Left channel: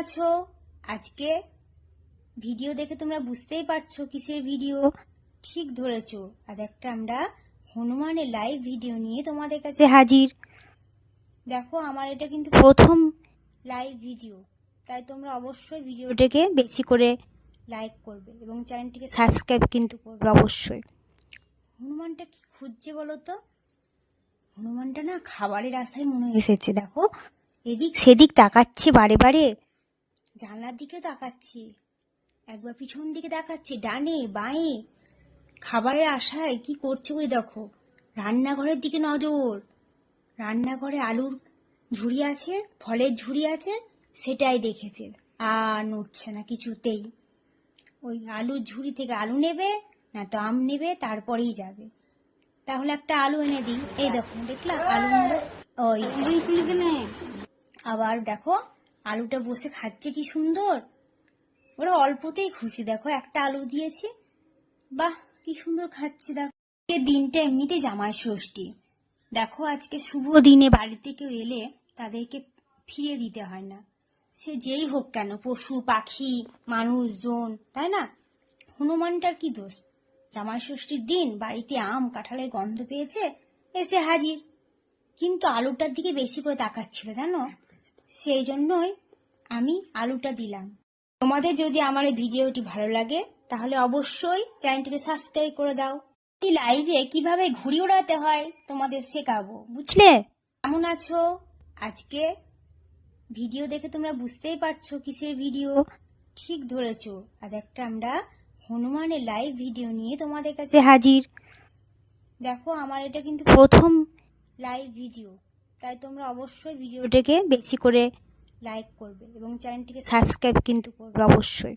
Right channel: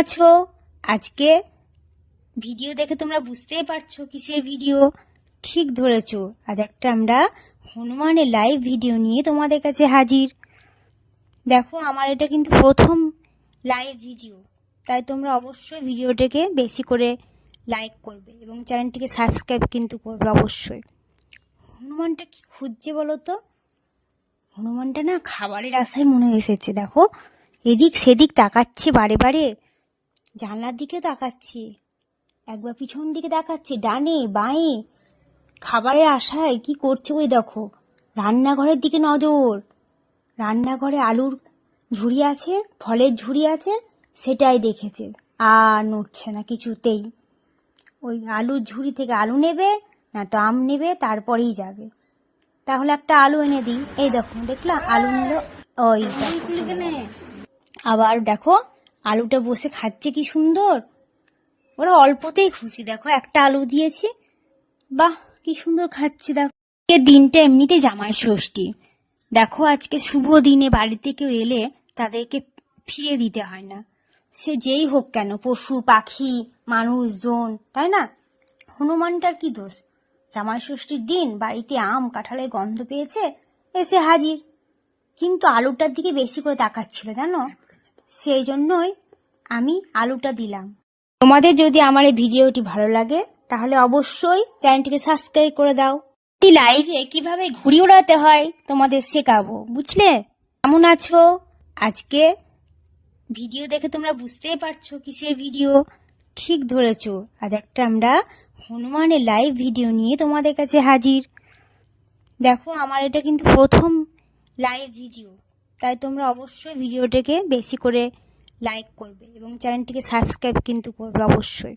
আছো? আজকে ভিডিও দেখে তোমরা বুঝতেই পারছ কিসের ভিডিও। ঠিক ধরেছো। আজ একটা আমরা হনুমানের লাইভ ভিডিও নিয়ে তোমাদের কাছে হাজির। দেখো, আমার এটা কিন্তু প্রথম লাইভ ভিডিও তাই তোমরা অবশ্যই ভিডিওটাকে বেশি করে লাইক করবে এবং চ্যানেলটিকে সাবস্ক্রাইব কিন্তু করবে অবশ্যই। হনুমানটা কি খুঁজছে বলো তো? হনুমানটা না খাবারের আশায় মনে এসেছে। দেখো, এদিক সেদিক তাকাচ্ছে বারে বারে। জানলার দিকে তাকাচ্ছে। একবার পিছন দিকে তাকাচ্ছে ডানে বাঁয়ে। খাবারের আশায় কি করছে ওই দেখো রান্নাঘরের দিকে নজর। রান্নাঘরে আলুর ঝুড়ি আছে ফলের ঝুড়ি আছে সেটাই দেখেছে। আর নড়ছে না কিছুতেই। ওই আলুর ঝুড়ি থেকে আলু নেবে না তো আম নেবে তারপরেই যাবে। তাহলে একটা আলু এনে দিই। এই দেখো দেখলাম আলু নিল। ওই। আবার দেখো আলুটা বসে খাচ্ছে কি সুন্দর? ওরা অল্পতেই খুশি। দেখো, একটা আলু দিয়েছি। বাহ, কি সুন্দর খাচ্ছে। দেখো এ দিনটা এমনিতে জামাই ষষ্ঠী। দেখো, আজকে শুভ দিনে বাড়িতে কেউ এলে তাদেরকে ফিরে দিতে হয় না। সে যেই হোক কেন, পশু, পাখি, মানুষজন, তাই না? হনুমানটার কি দোষ? জামাই ষষ্ঠীর দিন বাড়িতে আম, কাঁঠালের গন্ধ পেয়েছে, এসে হাজির। কিন্তু আলুটার দিকে বেশি করে তাকাচ্ছিল, জানো? সেই জন্যই আমি আলুটা দিলাম। তোমাদের যদি আমার এই ভিডিওটি ভালো লাগে, তাহলে অবশ্যই চ্যানেলটিকে সাবস্ক্রাইব করে দাও। লাইভে কীভাবে ঘুড়ি ওড়াতে হয় তোমাদের শেখাবো, বুঝলে? কেমন আছো? আজকে ভিডিও দেখে তোমরা বুঝতেই পারছ কিসের ভিডিও। ঠিক ধরেছো, আজ একটা আমরা হনুমানের লাইভ ভিডিও নিয়ে তোমাদের কাছে হাজির। দেখো, আমার এটা কিন্তু প্রথম লাইভ ভিডিও। তাই তোমরা অবশ্যই ভিডিওটাকে বেশি করে লাইক করবে এবং চ্যানেলটিকে সাবস্ক্রাইব কিন্তু করবে অবশ্যই।